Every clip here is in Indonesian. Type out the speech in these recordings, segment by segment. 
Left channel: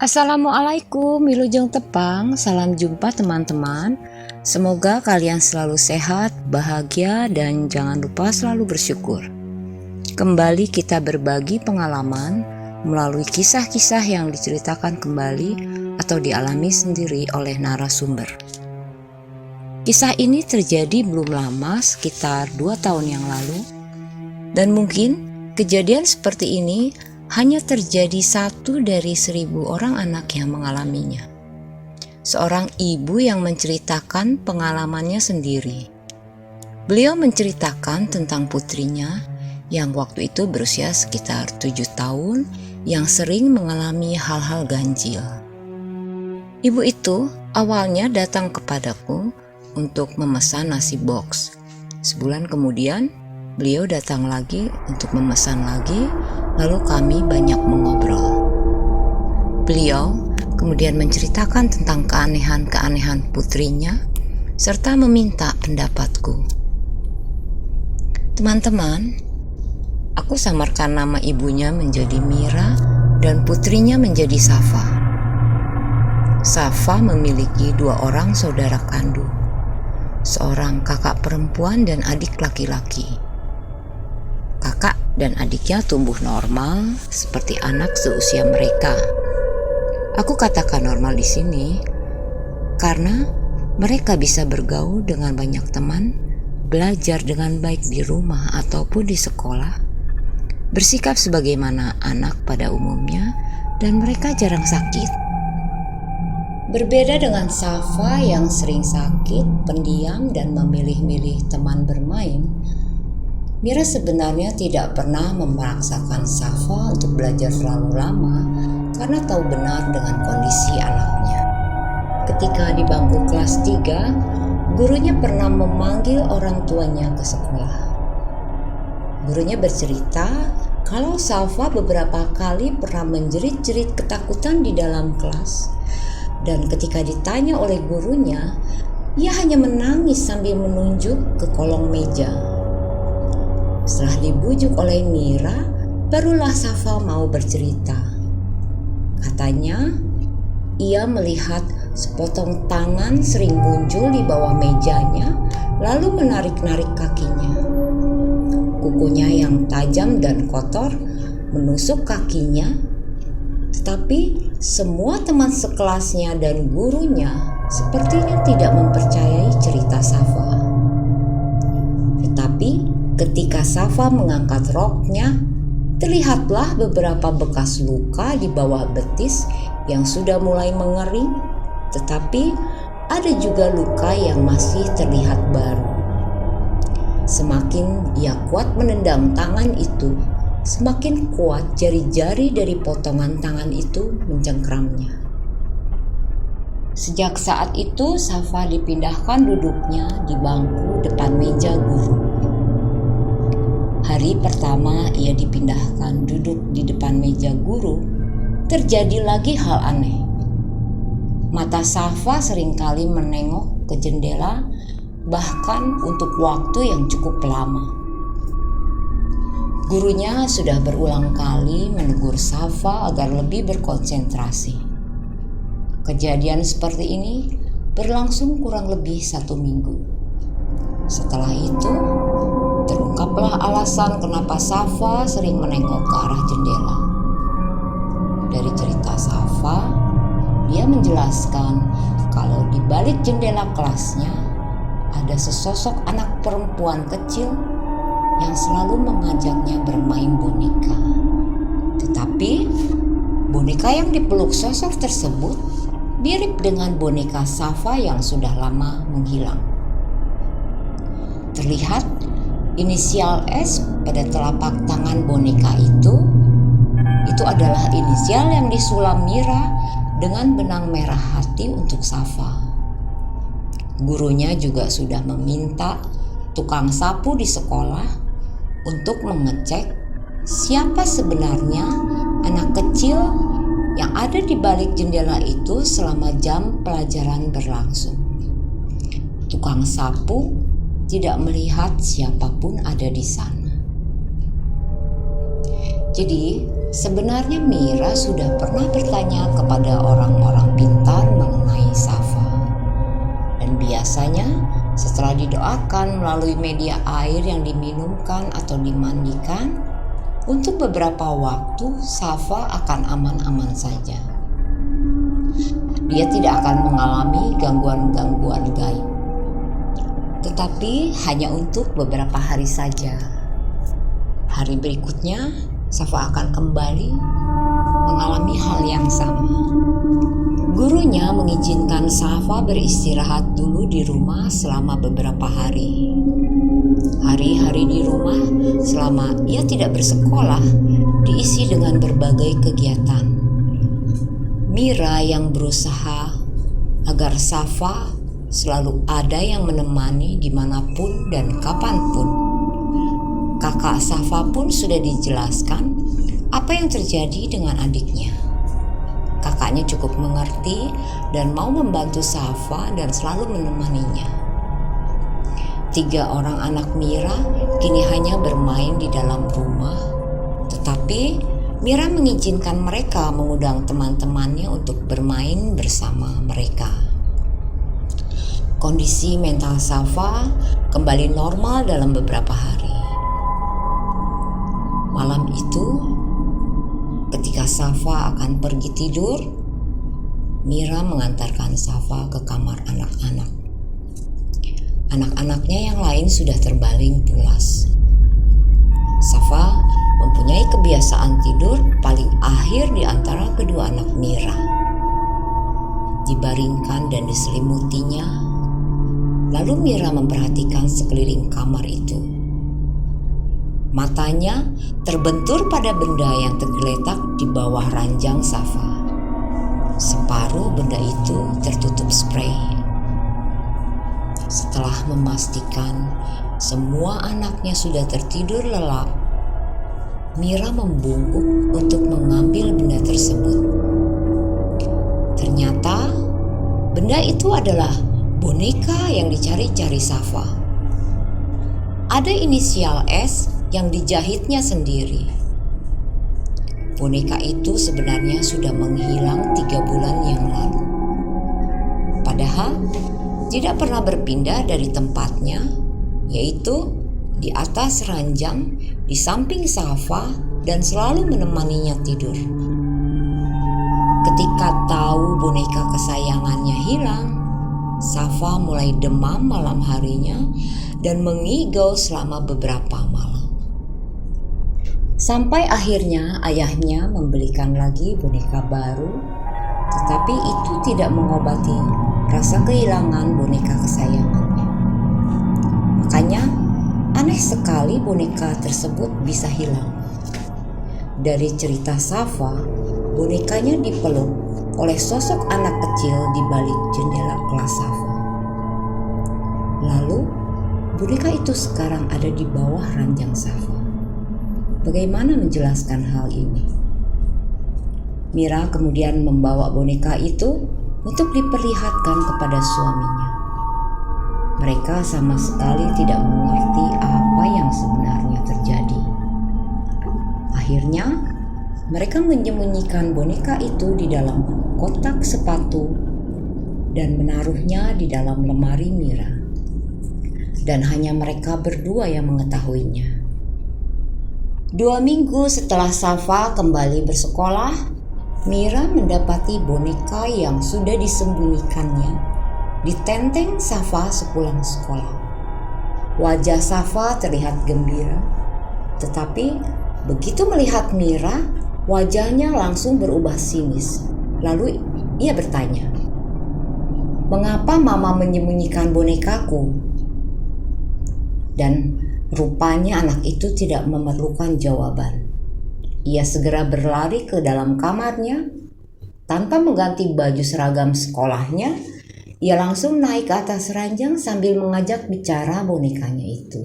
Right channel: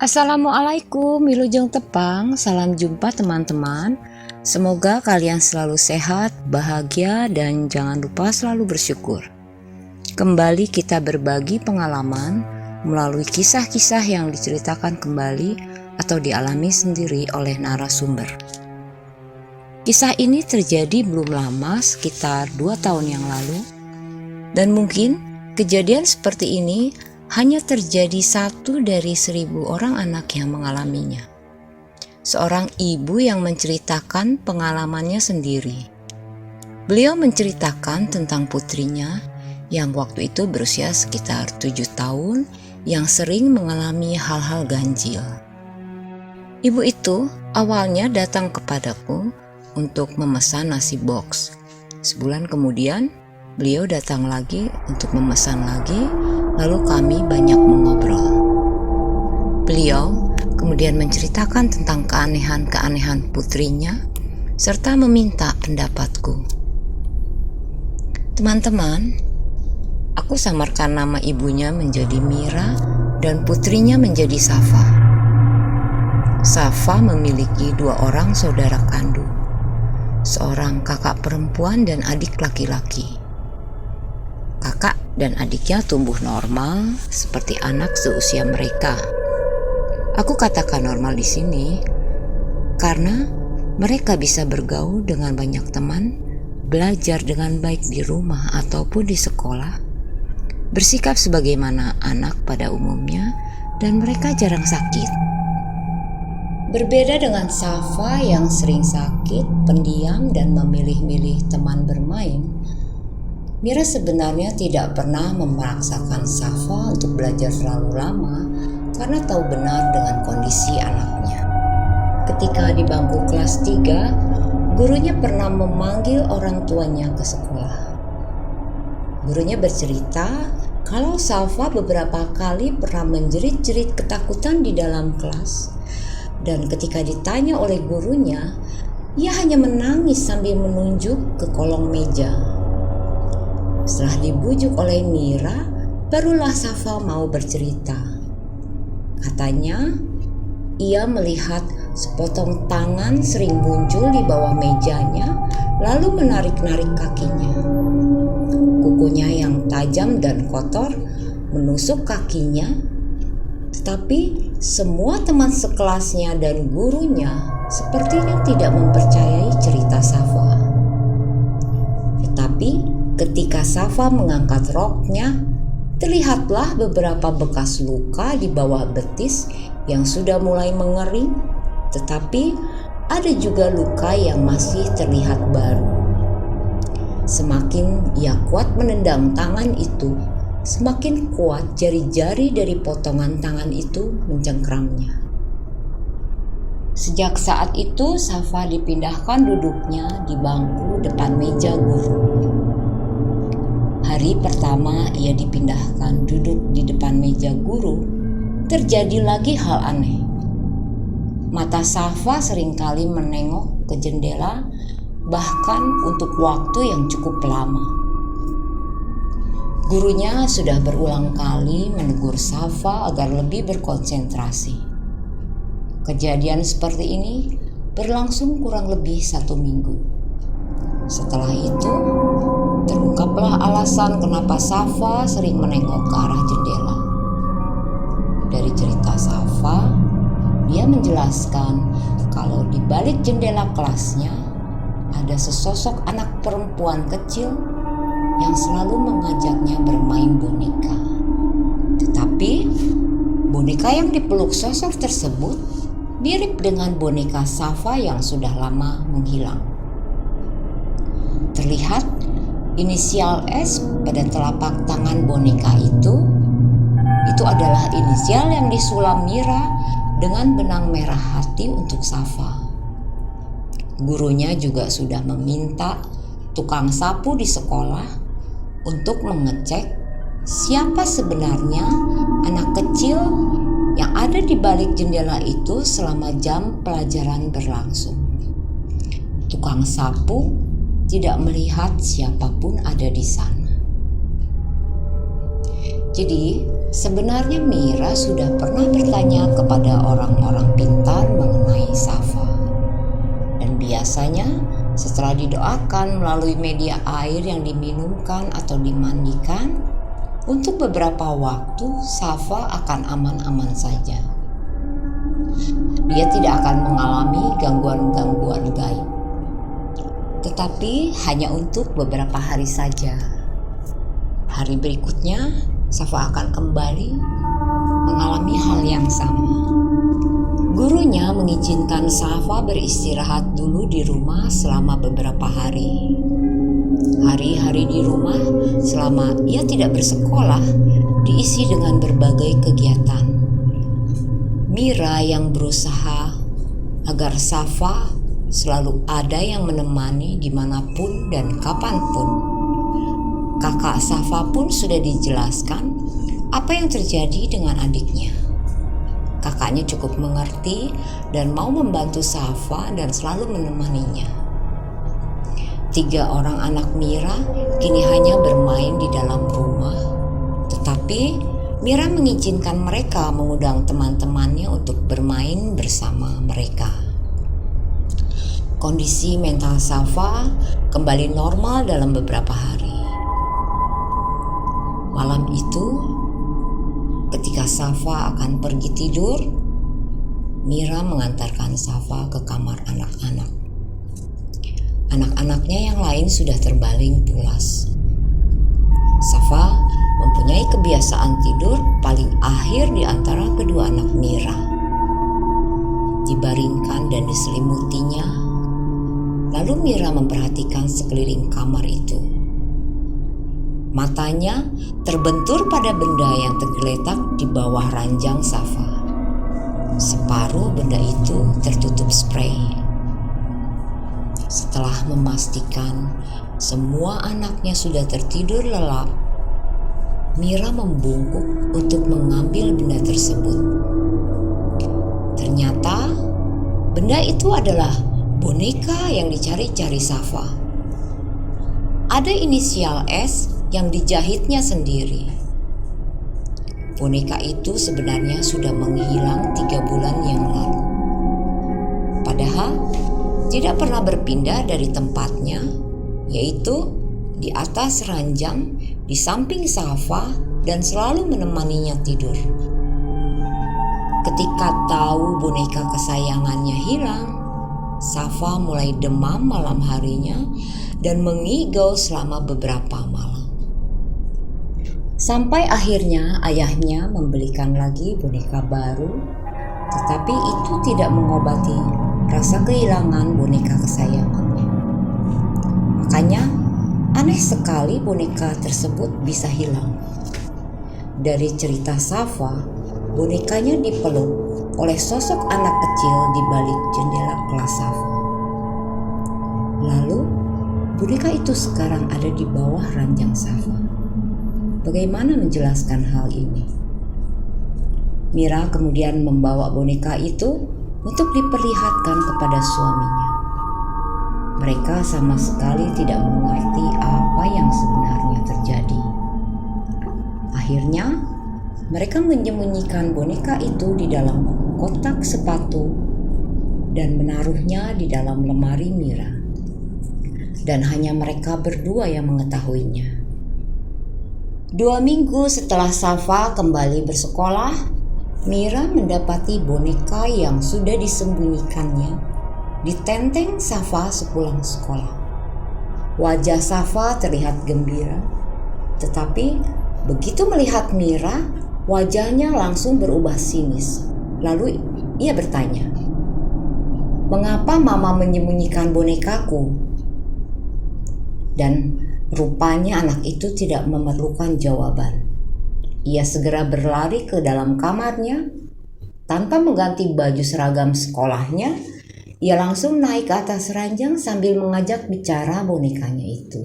Assalamualaikum, Wilujeng Tepang, salam jumpa teman-teman. Semoga kalian selalu sehat, bahagia, dan jangan lupa selalu bersyukur. Kembali kita berbagi pengalaman melalui kisah-kisah yang diceritakan kembali atau dialami sendiri oleh narasumber. Kisah ini terjadi belum lama, sekitar 2 tahun yang lalu, dan mungkin kejadian seperti ini hanya terjadi 1 dari 1000 orang anak yang mengalaminya. Seorang ibu yang menceritakan pengalamannya sendiri. Beliau menceritakan tentang putrinya yang waktu itu berusia sekitar 7 tahun yang sering mengalami hal-hal ganjil. Ibu itu awalnya datang kepadaku untuk memesan nasi box. Sebulan kemudian beliau datang lagi untuk memesan lagi. Lalu kami banyak mengobrol. Beliau kemudian menceritakan tentang keanehan-keanehan putrinya serta meminta pendapatku. Teman-teman, aku samarkan nama ibunya menjadi Mira dan putrinya menjadi Safa. Safa memiliki 2 orang saudara kandung, seorang kakak perempuan dan adik laki-laki. Kakak dan adiknya tumbuh normal seperti anak seusia mereka. Aku katakan normal di sini karena mereka bisa bergaul dengan banyak teman, belajar dengan baik di rumah ataupun di sekolah, bersikap sebagaimana anak pada umumnya, dan mereka jarang sakit. Berbeda dengan Safa yang sering sakit, pendiam, dan memilih-milih teman bermain, Mira sebenarnya tidak pernah memaksakan Safa untuk belajar terlalu lama karena tahu benar dengan kondisi anaknya. Ketika di bangku kelas 3, gurunya pernah memanggil orang tuanya ke sekolah. Gurunya bercerita kalau Safa beberapa kali pernah menjerit-jerit ketakutan di dalam kelas, dan ketika ditanya oleh gurunya, ia hanya menangis sambil menunjuk ke kolong meja. Setelah dibujuk oleh Mira, barulah Safa mau bercerita. Katanya, ia melihat sepotong tangan sering muncul di bawah mejanya, lalu menarik-narik kakinya. Kukunya yang tajam dan kotor menusuk kakinya, tetapi semua teman sekelasnya dan gurunya sepertinya tidak mempercayai cerita Safa. Tetapi ketika Safa mengangkat roknya, terlihatlah beberapa bekas luka di bawah betis yang sudah mulai mengering, tetapi ada juga luka yang masih terlihat baru. Semakin ia kuat menendang tangan itu, semakin kuat jari-jari dari potongan tangan itu mencengkramnya. Sejak saat itu, Safa dipindahkan duduknya di bangku depan meja guru. Hari pertama ia dipindahkan duduk di depan meja guru, terjadi lagi hal aneh. Mata Safa seringkali menengok ke jendela, bahkan untuk waktu yang cukup lama. Gurunya sudah berulang kali menegur Safa agar lebih berkonsentrasi. Kejadian seperti ini berlangsung kurang lebih 1 minggu. Setelah itu, terungkaplah alasan kenapa Safa sering menengok ke arah jendela. Dari cerita Safa, dia menjelaskan kalau di balik jendela kelasnya ada sesosok anak perempuan kecil yang selalu mengajaknya bermain boneka. Tetapi boneka yang dipeluk sosok tersebut mirip dengan boneka Safa yang sudah lama menghilang. Terlihat inisial S pada telapak tangan boneka itu adalah inisial yang disulam Mira dengan benang merah hati untuk Safa. Gurunya juga sudah meminta tukang sapu di sekolah untuk mengecek siapa sebenarnya anak kecil yang ada di balik jendela itu selama jam pelajaran berlangsung. Tukang sapu tidak melihat siapapun ada di sana. Jadi Sebenarnya Mira sudah pernah bertanya kepada orang-orang pintar mengenai Safa. Dan biasanya setelah didoakan melalui media air yang diminumkan atau dimandikan, untuk beberapa waktu Safa akan aman-aman saja. Dia tidak akan mengalami gangguan-gangguan gaib. Tetapi hanya untuk beberapa hari saja. Hari berikutnya, Safa akan kembali mengalami hal yang sama. Gurunya mengizinkan Safa beristirahat dulu di rumah selama beberapa hari. Hari-hari di rumah selama ia tidak bersekolah diisi dengan berbagai kegiatan. Mira yang berusaha agar Safa selalu ada yang menemani dimanapun dan kapanpun. Kakak Safa pun sudah dijelaskan apa yang terjadi dengan adiknya. Kakaknya cukup mengerti dan mau membantu Safa dan selalu menemaninya. 3 orang anak Mira kini hanya bermain di dalam rumah, tetapi Mira mengizinkan mereka mengundang teman-temannya untuk bermain bersama mereka. Kondisi mental Safa kembali normal dalam beberapa hari. Malam itu, ketika Safa akan pergi tidur, Mira mengantarkan Safa ke kamar anak-anak. Anak-anaknya yang lain sudah terbaling pulas. Safa mempunyai kebiasaan tidur paling akhir di antara kedua anak Mira. Dibaringkan dan diselimutinya, lalu Mira memperhatikan sekeliling kamar itu. Matanya terbentur pada benda yang tergeletak di bawah ranjang Safa. Separuh benda itu tertutup spray. Setelah memastikan semua anaknya sudah tertidur lelap, Mira membungkuk untuk mengambil benda tersebut. Ternyata benda itu adalah boneka yang dicari-cari Safa. Ada inisial S yang dijahitnya sendiri. Boneka itu sebenarnya sudah menghilang 3 bulan yang lalu. Padahal tidak pernah berpindah dari tempatnya, yaitu di atas ranjang di samping Safa dan selalu menemaninya tidur. Ketika tahu boneka kesayangannya hilang, Safa mulai demam malam harinya dan mengigau selama beberapa malam. Sampai akhirnya ayahnya membelikan lagi boneka baru, tetapi itu tidak mengobati rasa kehilangan boneka kesayangannya. Makanya aneh sekali boneka tersebut bisa hilang. Dari cerita Safa, bonekanya dipeluk oleh sosok anak kecil di balik jendela kelas Safa. Lalu boneka itu sekarang ada di bawah ranjang Safa. Bagaimana menjelaskan hal ini? Mira kemudian membawa boneka itu untuk diperlihatkan kepada suaminya. Mereka sama sekali tidak mengerti apa yang sebenarnya terjadi. Akhirnya, mereka menyembunyikan boneka itu di dalam kotak sepatu dan menaruhnya di dalam lemari Mira. Dan hanya mereka berdua yang mengetahuinya. 2 minggu setelah Safa kembali bersekolah, Mira mendapati boneka yang sudah disembunyikannya di tenteng Safa sepulang sekolah. Wajah Safa terlihat gembira, tetapi begitu melihat Mira, wajahnya langsung berubah sinis. Lalu ia bertanya, "Mengapa Mama menyembunyikan bonekaku?" Dan rupanya anak itu tidak memerlukan jawaban. Ia segera berlari ke dalam kamarnya. Tanpa mengganti baju seragam sekolahnya, ia langsung naik ke atas ranjang sambil mengajak bicara bonekanya itu.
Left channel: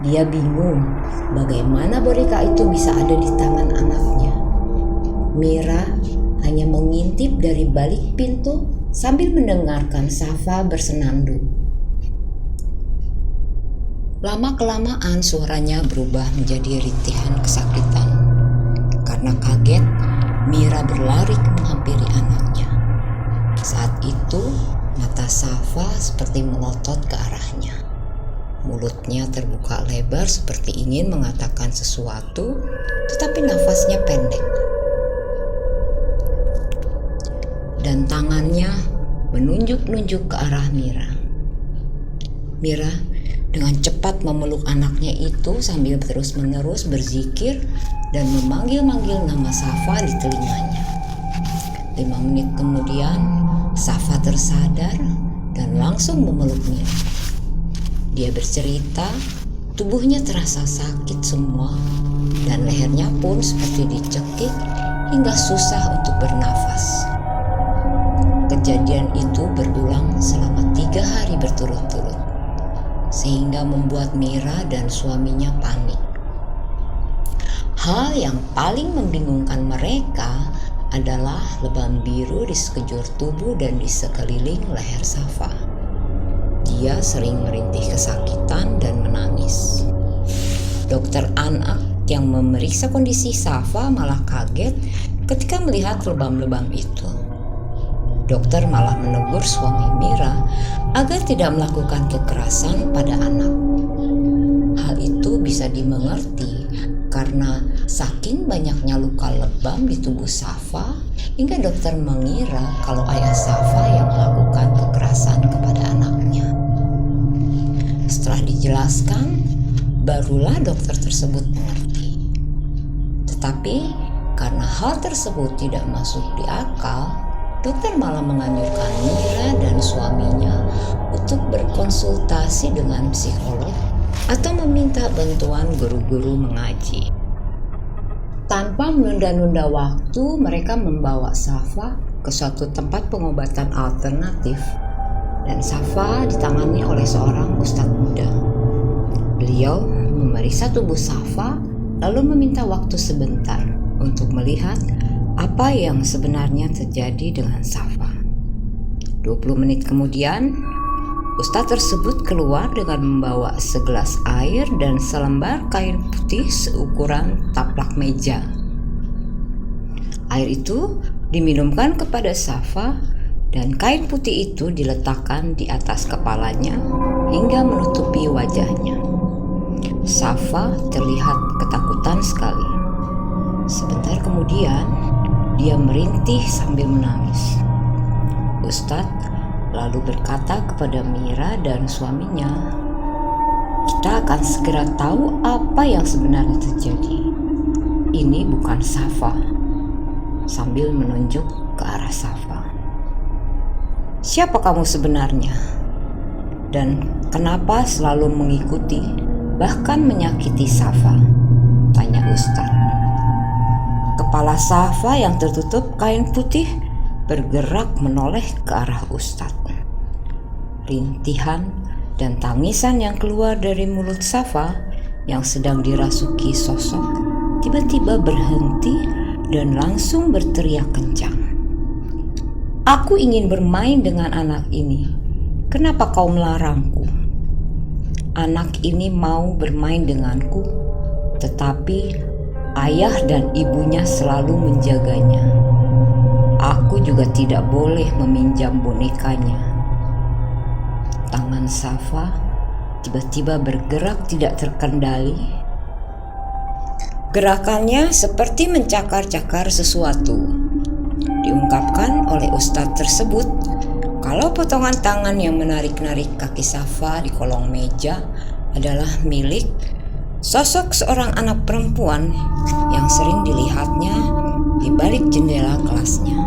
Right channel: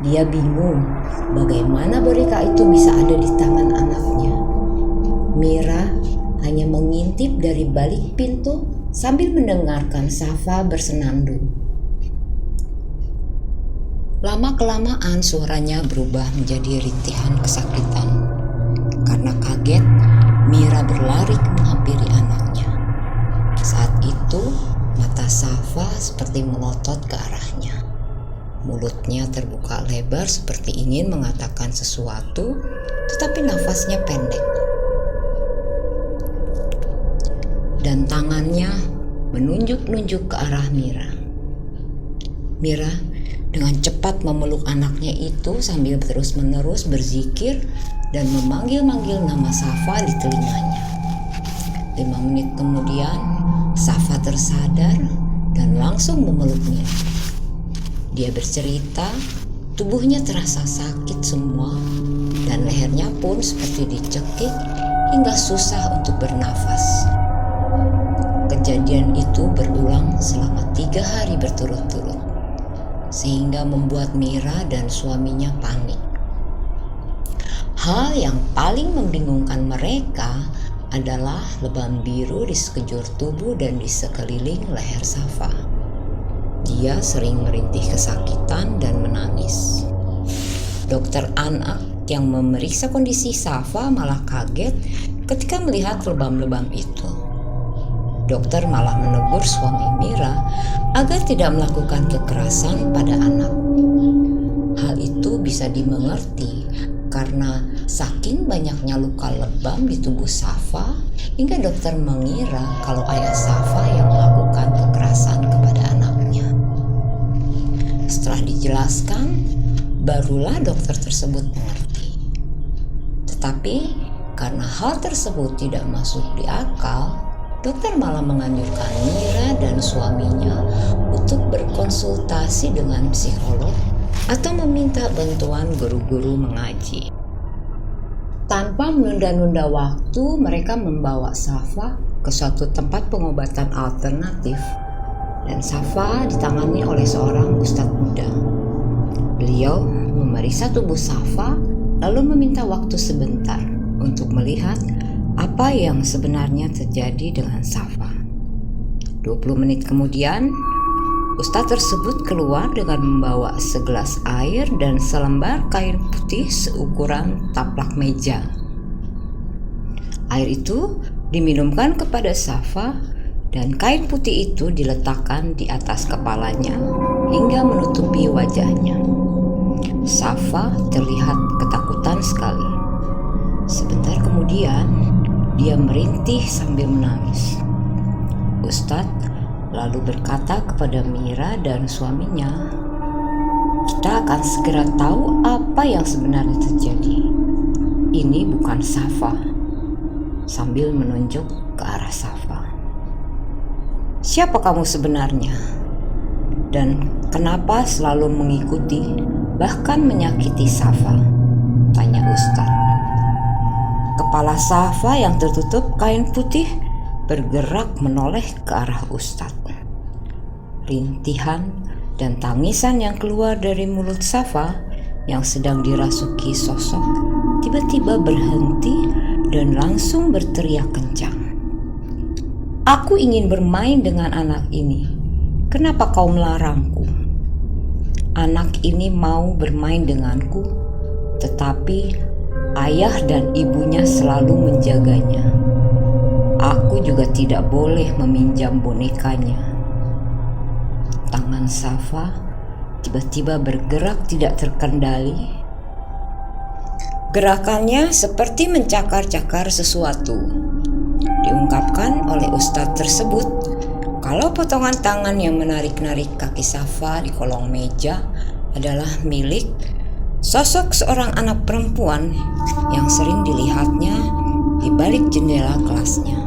Dia bingung bagaimana boneka itu bisa ada di tangan anaknya. Mira hanya mengintip dari balik pintu sambil mendengarkan Safa bersenandung. Lama-kelamaan suaranya berubah menjadi rintihan kesakitan. Karena kaget, Mira berlari menghampiri anaknya. Saat itu, mata Safa seperti melotot ke arahnya. Mulutnya terbuka lebar seperti ingin mengatakan sesuatu, tetapi nafasnya pendek. Dan tangannya menunjuk-nunjuk ke arah Mira. Mira dengan cepat memeluk anaknya itu sambil terus-menerus berzikir dan memanggil-manggil nama Safa di telinganya. 5 menit kemudian, Safa tersadar dan langsung memeluk Mira. Dia bercerita, tubuhnya terasa sakit semua dan lehernya pun seperti dicekik hingga susah untuk bernafas. Kejadian itu berulang selama 3 hari berturut-turut, sehingga membuat Mira dan suaminya panik. Hal yang paling membingungkan mereka adalah lebam biru di sekejur tubuh dan di sekeliling leher Safa. Dia sering merintih kesakitan dan menangis. Dokter anak yang memeriksa kondisi Safa malah kaget ketika melihat lebam-lebam itu. Dokter malah menegur suami Mira agar tidak melakukan kekerasan pada anak. Hal itu bisa dimengerti karena saking banyaknya luka lebam di tubuh Safa hingga dokter mengira kalau ayah Safa yang melakukan kekerasan kepada anaknya. Setelah dijelaskan, barulah dokter tersebut mengerti. Tetapi karena hal tersebut tidak masuk di akal, dokter malah menganjurkan Mira dan suaminya untuk berkonsultasi dengan psikolog atau meminta bantuan guru-guru mengaji. Tanpa menunda-nunda waktu, mereka membawa Safa ke suatu tempat pengobatan alternatif dan Safa ditangani oleh seorang ustadz muda. Beliau memeriksa tubuh Safa lalu meminta waktu sebentar untuk melihat apa yang sebenarnya terjadi dengan Safa. 20 menit kemudian, ustadz tersebut keluar dengan membawa segelas air dan selembar kain putih seukuran taplak meja. Air itu diminumkan kepada Safa dan kain putih itu diletakkan di atas kepalanya hingga menutupi wajahnya. Safa terlihat ketakutan sekali. Sebentar kemudian, dia merintih sambil menangis. Ustadz lalu berkata kepada Mira dan suaminya, "Kita akan segera tahu apa yang sebenarnya terjadi. Ini bukan Safa," sambil menunjuk ke arah Safa. "Siapa kamu sebenarnya? Dan kenapa selalu mengikuti, bahkan menyakiti Safa?" tanya Ustadz. Kepala Safa yang tertutup kain putih bergerak menoleh ke arah Ustadz. Rintihan dan tangisan yang keluar dari mulut Safa yang sedang dirasuki sosok tiba-tiba berhenti dan langsung berteriak kencang. "Aku ingin bermain dengan anak ini. Kenapa kau melarangku? Anak ini mau bermain denganku, tetapi ayah dan ibunya selalu menjaganya. Aku juga tidak boleh meminjam bonekanya." Tangan Safa tiba-tiba bergerak tidak terkendali. Gerakannya seperti mencakar-cakar sesuatu. Diungkapkan oleh ustadz tersebut kalau potongan tangan yang menarik-narik kaki Safa di kolong meja adalah milik sosok seorang anak perempuan yang sering dilihatnya di balik jendela kelasnya.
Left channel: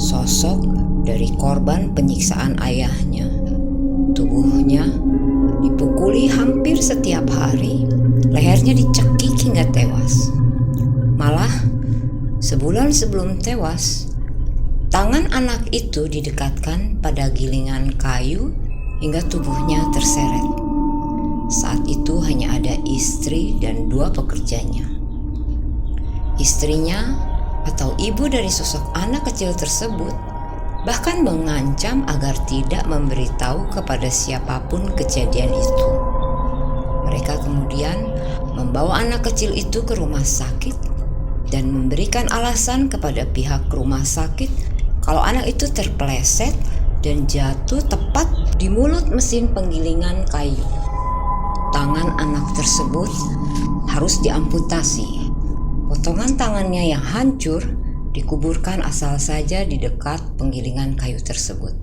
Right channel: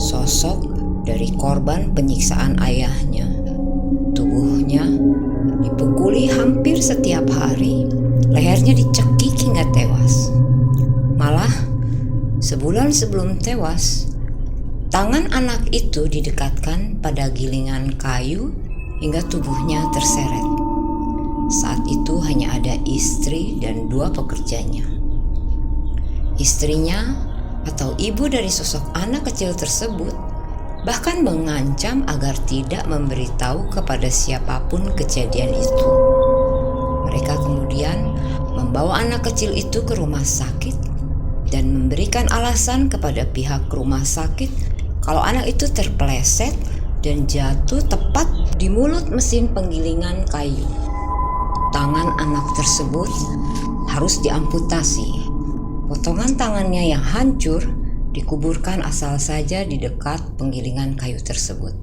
Sosok dari korban penyiksaan ayahnya. Tubuhnya dipukuli hampir setiap hari, lehernya dicekik hingga tewas. Malah, sebulan sebelum tewas, tangan anak itu didekatkan pada gilingan kayu hingga tubuhnya terseret. Saat itu hanya ada istri dan 2 pekerjanya. Istrinya atau ibu dari sosok anak kecil tersebut bahkan mengancam agar tidak memberitahu kepada siapapun kejadian itu. Mereka kemudian membawa anak kecil itu ke rumah sakit dan memberikan alasan kepada pihak rumah sakit kalau anak itu terpeleset dan jatuh tepat di mulut mesin penggilingan kayu. Tangan anak tersebut harus diamputasi. Potongan tangannya yang hancur dikuburkan asal saja di dekat penggilingan kayu tersebut.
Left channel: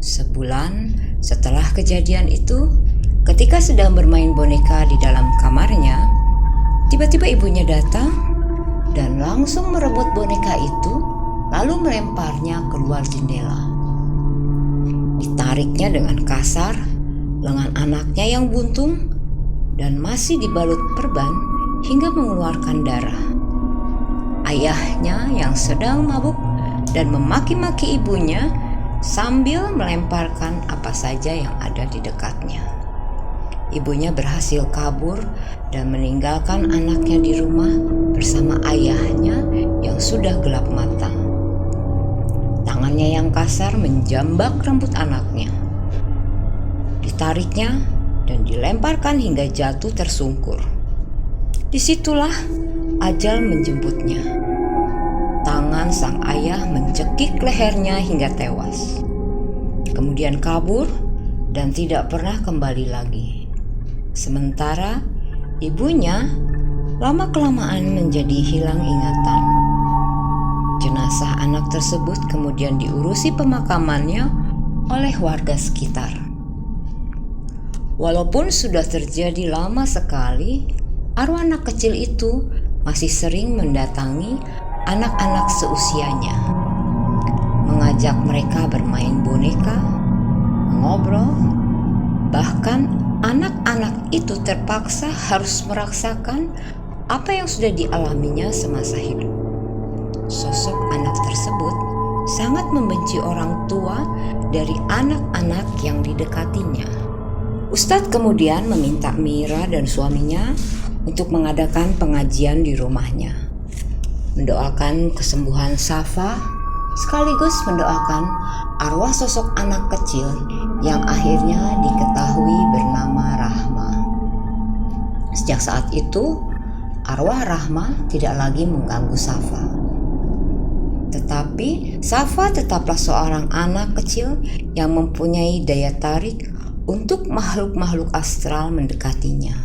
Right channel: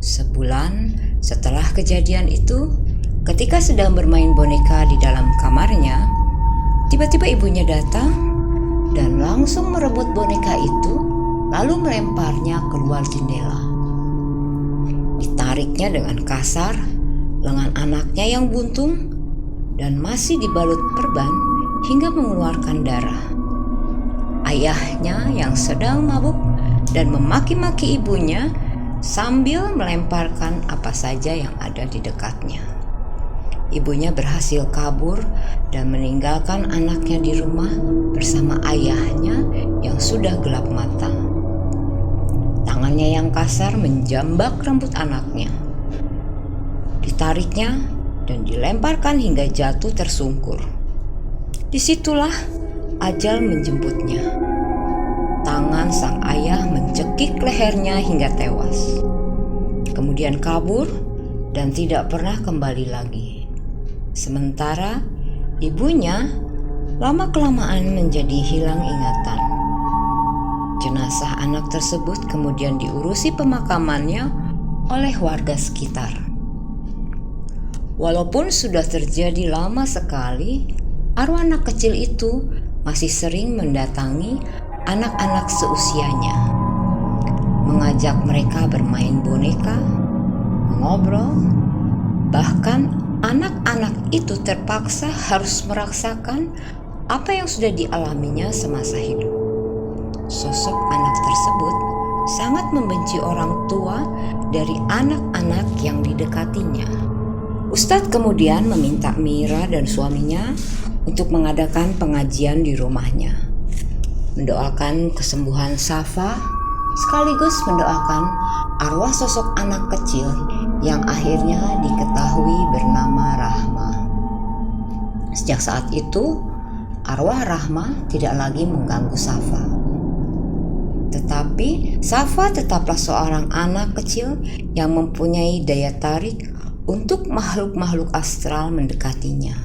Sebulan setelah kejadian itu, ketika sedang bermain boneka di dalam kamarnya, tiba-tiba ibunya datang dan langsung merebut boneka itu, lalu melemparnya keluar jendela. Ditariknya dengan kasar, lengan anaknya yang buntung dan masih dibalut perban hingga mengeluarkan darah. Ayahnya yang sedang mabuk dan memaki-maki ibunya sambil melemparkan apa saja yang ada di dekatnya. Ibunya berhasil kabur dan meninggalkan anaknya di rumah bersama ayahnya yang sudah gelap mata. Tangannya yang kasar menjambak rambut anaknya. Ditariknya dan dilemparkan hingga jatuh tersungkur. Disitulah ajal menjemputnya. Tangan sang ayah mencekik lehernya hingga tewas. Kemudian kabur dan tidak pernah kembali lagi. Sementara ibunya lama-kelamaan menjadi hilang ingatan. Jenazah anak tersebut kemudian diurusi pemakamannya oleh warga sekitar. Walaupun sudah terjadi lama sekali, arwah anak kecil itu masih sering mendatangi anak-anak seusianya, mengajak mereka bermain boneka, mengobrol, bahkan anak-anak itu terpaksa harus merasakan apa yang sudah dialaminya semasa hidup. Sosok anak tersebut sangat membenci orang tua dari anak-anak yang didekatinya. Ustadz kemudian meminta Mira dan suaminya untuk mengadakan pengajian di rumahnya, mendoakan kesembuhan Safa, sekaligus mendoakan arwah sosok anak kecil yang akhirnya diketahui bernama Rahma. Sejak saat itu, arwah Rahma tidak lagi mengganggu Safa. Tetapi Safa tetaplah seorang anak kecil yang mempunyai daya tarik untuk makhluk-makhluk astral mendekatinya.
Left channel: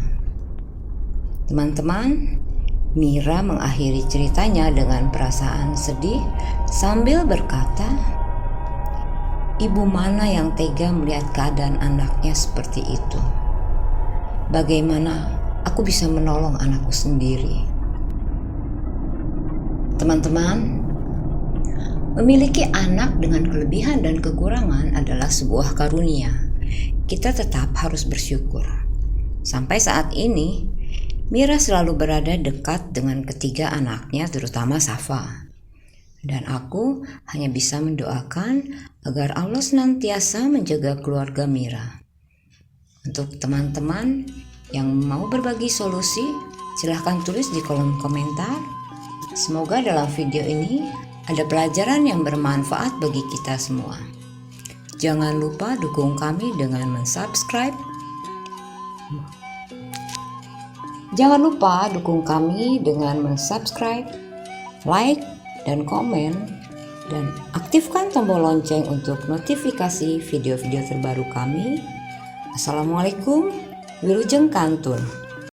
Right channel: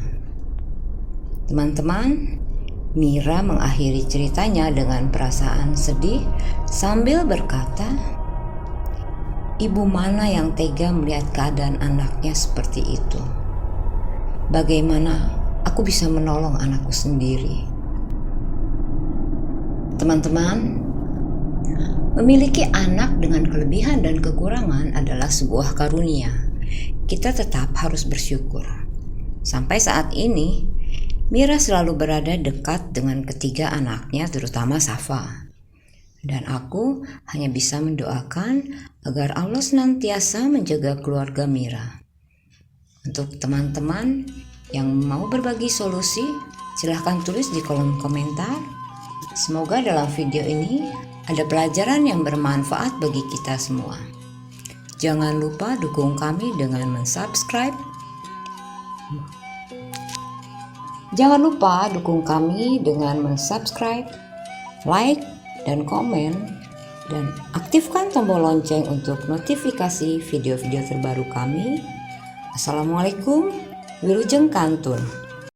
Teman-teman, Mira mengakhiri ceritanya dengan perasaan sedih sambil berkata, "Ibu mana yang tega melihat keadaan anaknya seperti itu? Bagaimana aku bisa menolong anakku sendiri?" Teman-teman, memiliki anak dengan kelebihan dan kekurangan adalah sebuah karunia. Kita tetap harus bersyukur. Sampai saat ini, Mira selalu berada dekat dengan ketiga anaknya, terutama Safa. Dan aku hanya bisa mendoakan agar Allah senantiasa menjaga keluarga Mira. Untuk teman-teman yang mau berbagi solusi, silahkan tulis di kolom komentar. Semoga dalam video ini ada pelajaran yang bermanfaat bagi kita semua. Jangan lupa dukung kami dengan mensubscribe. Like, dan komen, dan aktifkan tombol lonceng untuk notifikasi video-video terbaru kami. Assalamualaikum, Wilujeng Kantun.